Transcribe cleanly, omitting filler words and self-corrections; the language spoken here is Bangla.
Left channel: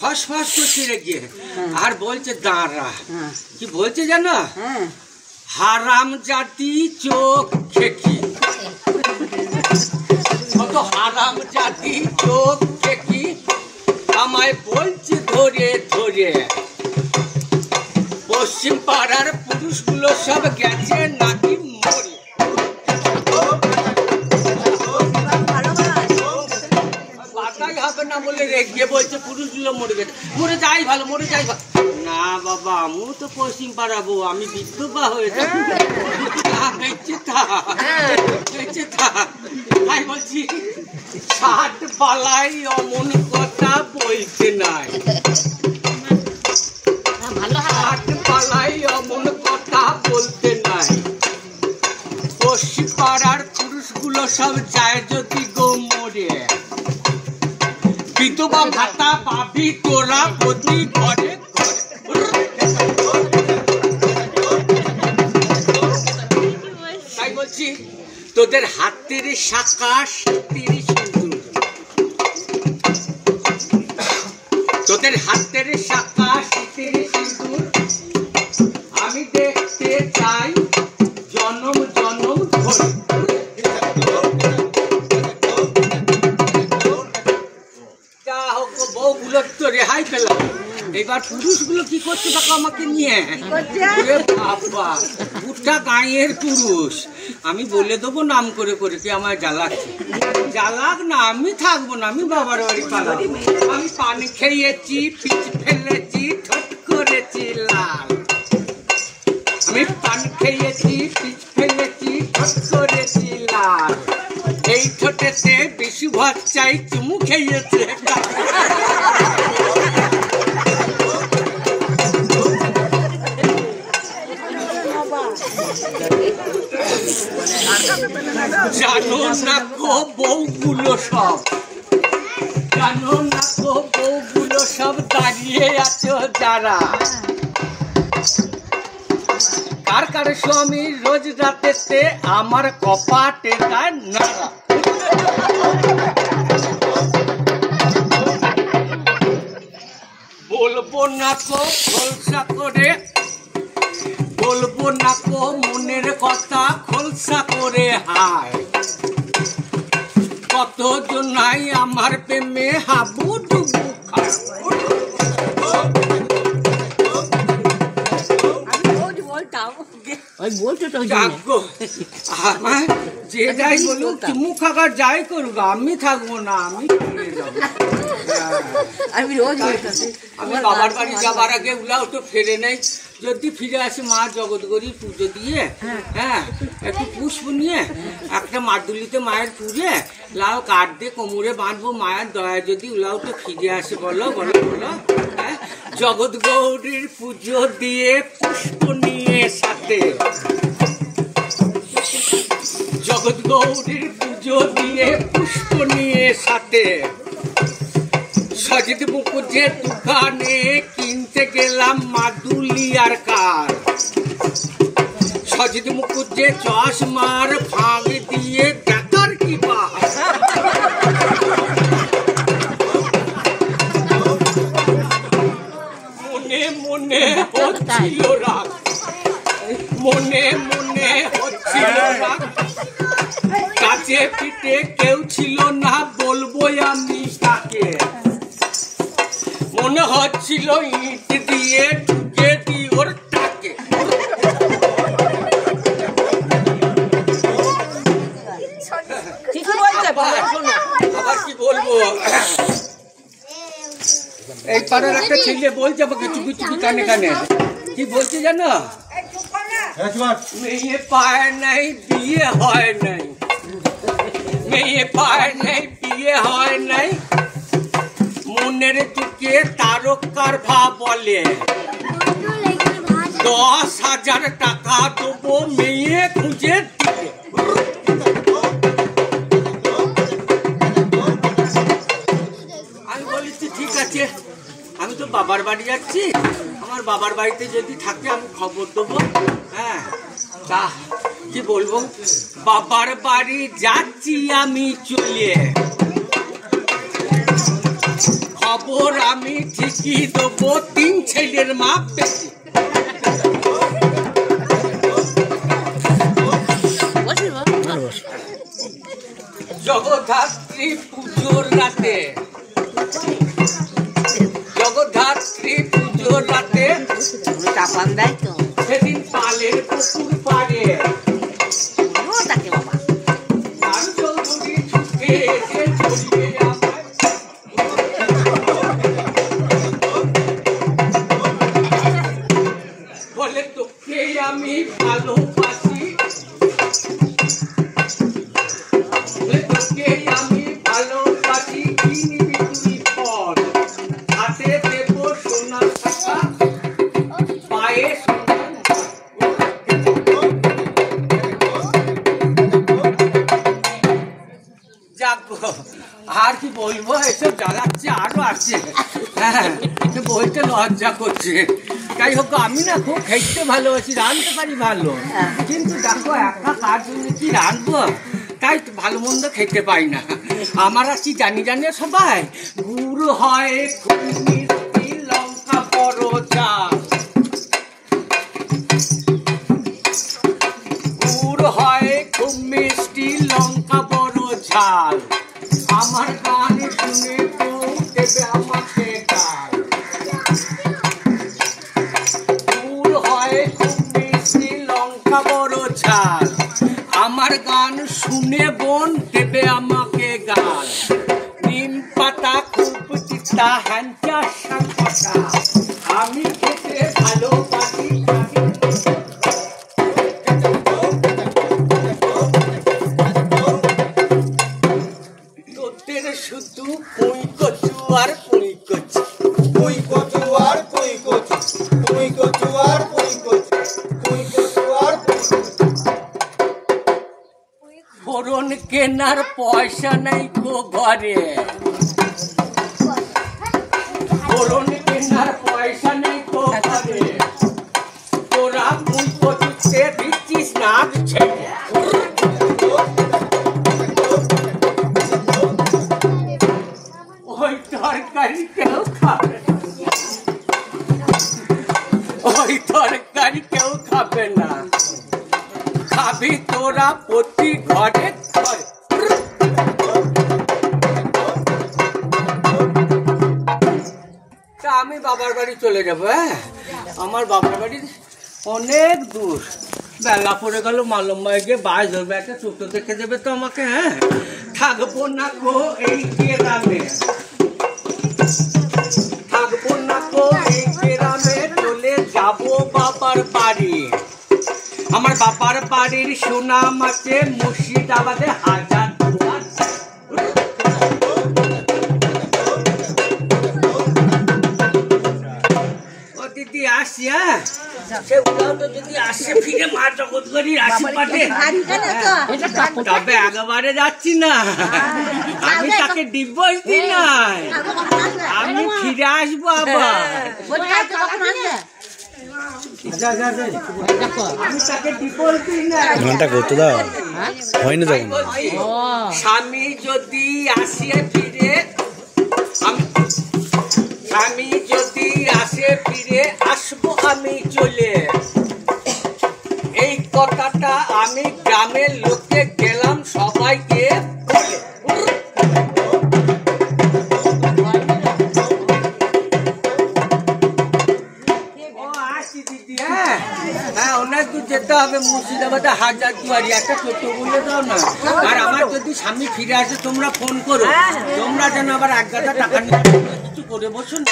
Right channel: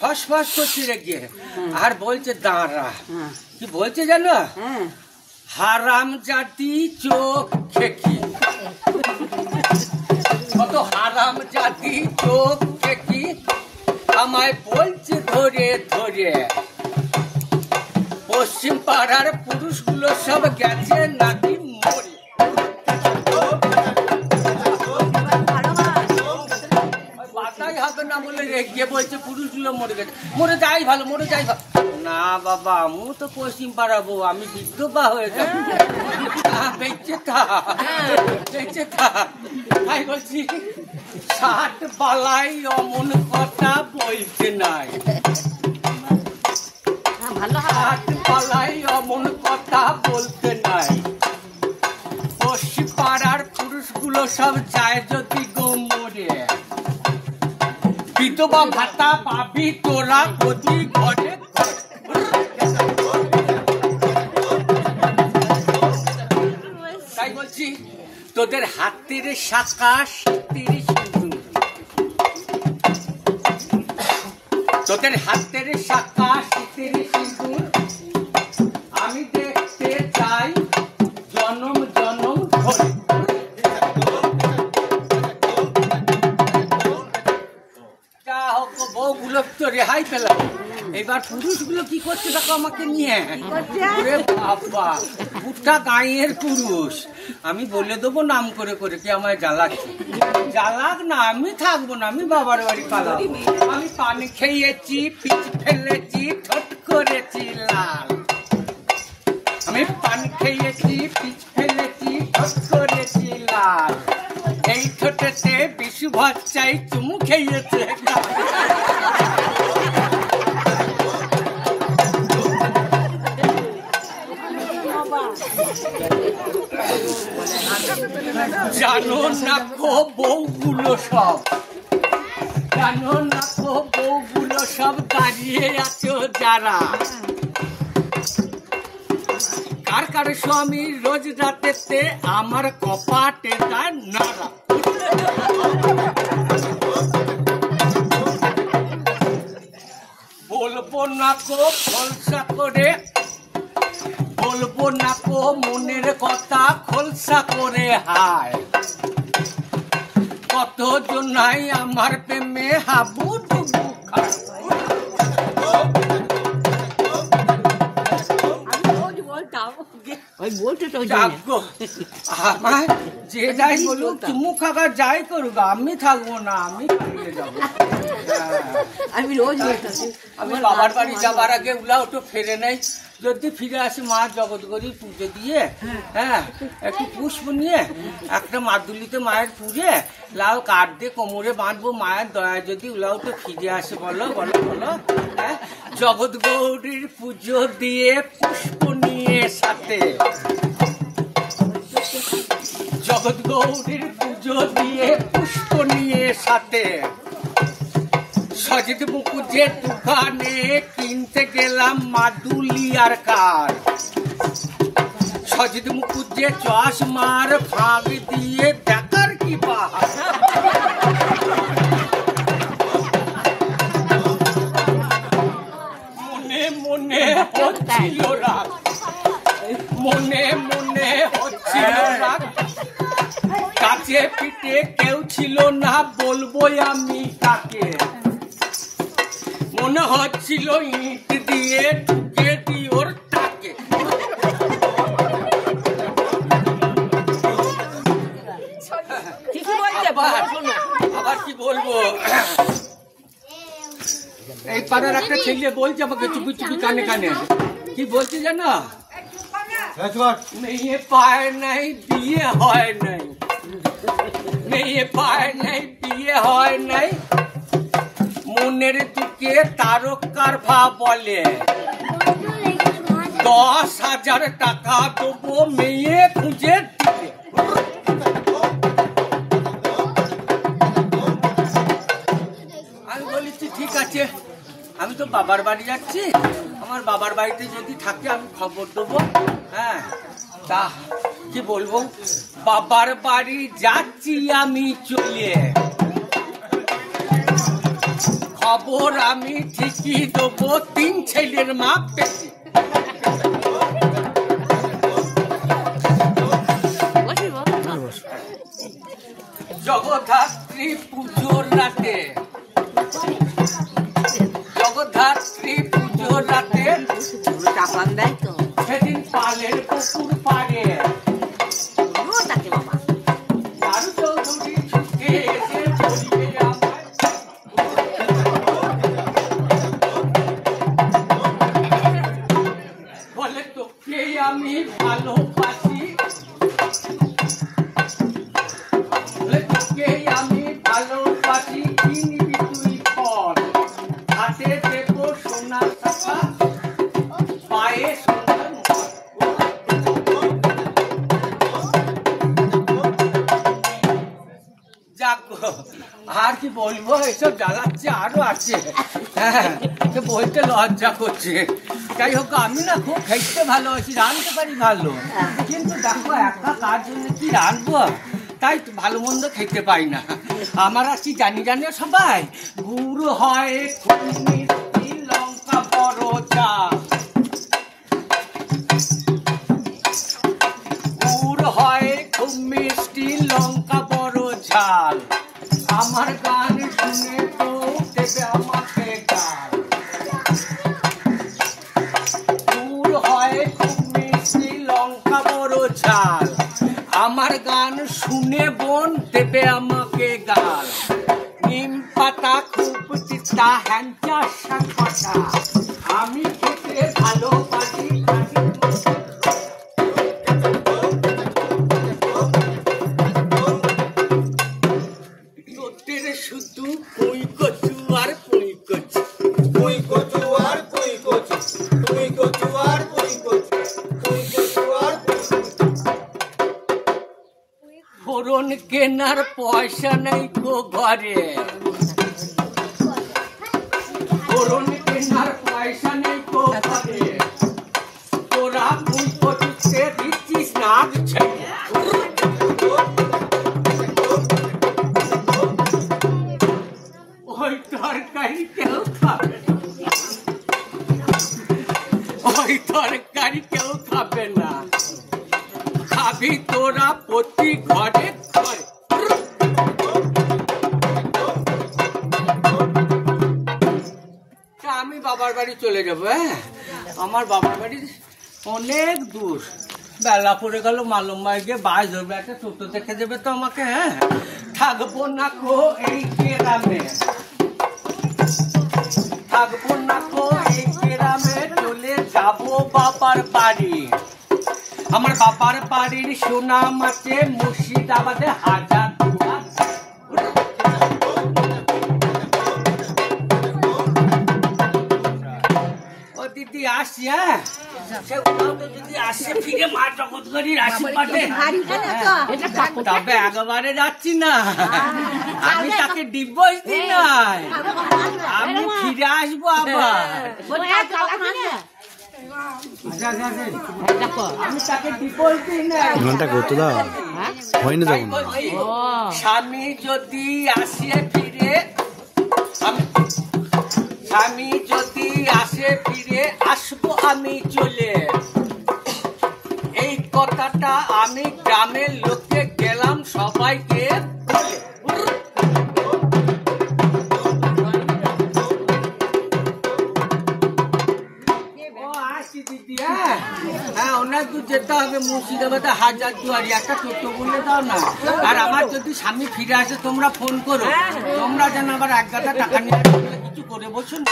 ফস ফস করছে রেগে আর বলছে দাঁড়া। কি বলছে জানো? হারাম জাতি চোখ খেকি, কত হারাম জাতি চোখ খেকি আমায় বলছে ধরে ধরে, পশ্চিম পাড়ার পুরুষগুলো সব গেছে নাকি মরে। বাতাই হবে না বলে রেগে বলছে পুরুষগুলো মরে গেছে, মরে যাই ভালো, মরে যাই ভালো। না বাবা, আমি তো পশ্চিম পাড়াবো, আমি বিধবা হয়ে যাবো। বেঁচে থাক। তাই বলছি ষাট পালাই অমন কথা বলতে নাই, ষাট পালাই অমন কথা বলতে নাই। পশ্চিম পাড়ার পুরুষগুলো সব যায় যদি গো মরে, বিধবা ভাতা পাবি তোরা প্রতি ঘরে ঘরে। তাই বলছি তোদের হাতের শাখা তিরিশ সিঁদুর, তোদের হাতের শাখা তিরিশ সিঁদুর আমি দেখতে চাই জনম জনম ধরে। যা হোক বউগুলো তো রেহাই পেলাম, এবার পুরুষগুলো কি করছে দেখো আমাকে নিয়ে। বাবা বুটটা গাঁয়ের পুরুষ, আমি বলে দেবো নাম করে করে কি আমায় জ্বালাচ্ছে। জ্বালাক না, আমি থাকবো না, আমি বাবার বাড়ি পালাবো। আমি পানি খেয়েছি, পিচ ফেলেছি, ঠোঁট করেছি লাল। আমি পানি খেয়েছি, পিচ ফেলেছি, ঠোঁট করেছি লাল। এই ঠোঁটেতে বিশু ভাত চাই, চুমু খেয়েছে। জানো না গো বউগুলো সব, জানো না গো বউগুলো সব দাঁড়িয়ে আছো যারা, কার কার স্বামী রোজ রাতেতে আমার কপাটে গায় নাড়া। বলবো না গো খোলসা করে, বলবো না গো মনের কথা খোলসা করে হায়। কতজন নাই আমার প্রেমে হাবু ডুবু খায়। আমার যে যাই বলুক, চুমু খাবার যাই করুক, আমি থাকবো না, আমি ফিরে যাবো। আমি বাবার বাড়ি যাবার আগে উলা একটু ফেরে নেই, যদি ফিরে আসে মা জগৎগরি পুজো দিয়ে, হ্যাঁ একটু পুষ্প নিয়ে একটা মাদুলিতে মায়ের পুজে লাল কাঠ দিয়ে কোমরে বাঁধবো। মায়ের দয়া যদি উলা একটু ফিরে আসে, বলো বলো বলো। হ্যাঁ জগৎ গৌরীর পুজো দিয়ে পুষ্প নিয়ে সাথে, জগৎ গৌরীর পুজো দিয়ে পুষ্প নিয়ে সাথে, সজিত মুকুজের দোকানে কিনতে গেলাম মাদুলি আর কার। সজিত মুকুজে চশমার ফাঁক দিয়ে দেখার কি পাহাড়। মনে মনে হচ্ছিল রাগ, মনে মনে হচ্ছিল রাগ, কাছে পিঠে কেউ ছিল না বলবো আমি তাকে। মনে হচ্ছিল ইট দিয়ে ঢুকে দি ওর টাকে। আবার কি বলবো, এই পাড়ার একটা ছেলে বলছে আমাকে চুপি চুপি কানে কানে, কি বলছে জানো? মেয়ে পায় নাই বিয়ে হয় নাই, মেয়ে পায় নাই বিয়ে হয় নাই, মনের দিকে তারকার ভাব বলে 10,000 টাকা দেবো মেয়ে খুঁজে দিতে। আমি বলেছি ঠিক আছে, আমি তো বাবার বাড়ি যাচ্ছি, আমার বাবার বাড়িতে যদি থাকে আমি খবর দেবো। হ্যাঁ তা কি বলবো, বাবার বাড়ি যাচ্ছি আমি চলে, খবর আমি ঠিকই দেবো, 3 ছেলের মা পেটি। জগদ্ধাত্রী পুজোর রাতে, জগদ্ধাত্রী পুজোর রাতে সেদিন পালের পুকুর পাড়ে চৌধুরী ছুটে এসে বলে তোকে আমি ভালোবাসি, বলে তোকে আমি ভালোবাসি, কি নিবি তুই ফল, হাতে দেবো সোনার শাখা, পায়ে সোনার যাক আর কি বলবো, এসব জ্বালাচ্ছে আরো আছে। হ্যাঁ বলতে লজ্জা করছে। যাই হোক আমি না খুব খেতে ভালোবাসি, রাঁধতে পারি ভালো, কিন্তু দেখো একা কার জন্য কি রাঁধবো, তাই ভালো মন্দ খেতে পাই না। আমার আর কি জানি সবাই, গুড় হয় খুব মিষ্টি, লঙ্কা বড় চাল, গুড় হয় খুব মিষ্টি, লঙ্কা বড় ঝাল, আমার গান শুনে তো দেবে আমাকে গাল। গুড় হয় খুব মিষ্টি, লঙ্কা বড় ঝাল, আমার গান শুনে বোন দেবে আমাকে গাল। নিম পাতা খুব তিতা, হ্যাংচা শাক পাতা, আমি খেতে ভালোবাসি। তোদের শুধু পুঁই কচু আর পুঁই কচু, পুঁই কচু আর পুঁই কচু, পুঁই কচু আর পুঁই কচু, পুঁই কচু আর ফোড়ন কেনার পয়সা নাই গো ঘরে, ফোড়ন কেনার পয়সা নেই গো ঘরে, তোরা পুঁই কচুতে দিচ্ছিস না ছেড়ে। ওই তরকারি কেউ খাবে না, ওই তরকারি কেউ খাবে না, খাবি তোরা প্রতি ঘরে ঘরে। তা আমি বাবার বাড়ি চলে যাবো। হ্যাঁ আমার বাবার বাড়ি অনেক দূর, বেলা পড়ে গেল, মালম্বায় গিয়ে বাস ধরবে, একটা ছোট দেখে দেবে তো আমাকে। হ্যাঁ থাকবো না গো এই গ্রামে, থাকবো না গো এই গ্রামে, চলে যাবো বাবার বাড়ি। আমার বাবার বাড়ির সুনাম আছে মুর্শিদাবাদে, হাজার দুয়ার। ও দিদি আসি, হ্যাঁ সে উঠাও তো যদি আসে ফিরে মা জগৎগরির আশীর্বাদে, তবে একেবারে যাচ্ছি না, আমি তাকে ডিভোর্স দিই না, আমি ফিরে আসবো আবার। আমি তাকে ডিভোর্স দিই না, স্বামী যদি আসে ফিরে, স্বামী যদি আসে ফিরে আসবো আমি চলে। এই কথাটা আমি গ্রামের লোককে গেলাম সবাইকে বলে। হ্যাঁ অনেক দূর যেতে হবে, মুর্শিদাবাদে হাজার দুয়ারি, একটা টোটো বলে দাও না। আর আমার যদি স্বামী ফিরে আসে তোমরা ফোন করো, তোমরা যেন আবার 1 গাদা টাকা নিয়ে কিছু করে বসুন।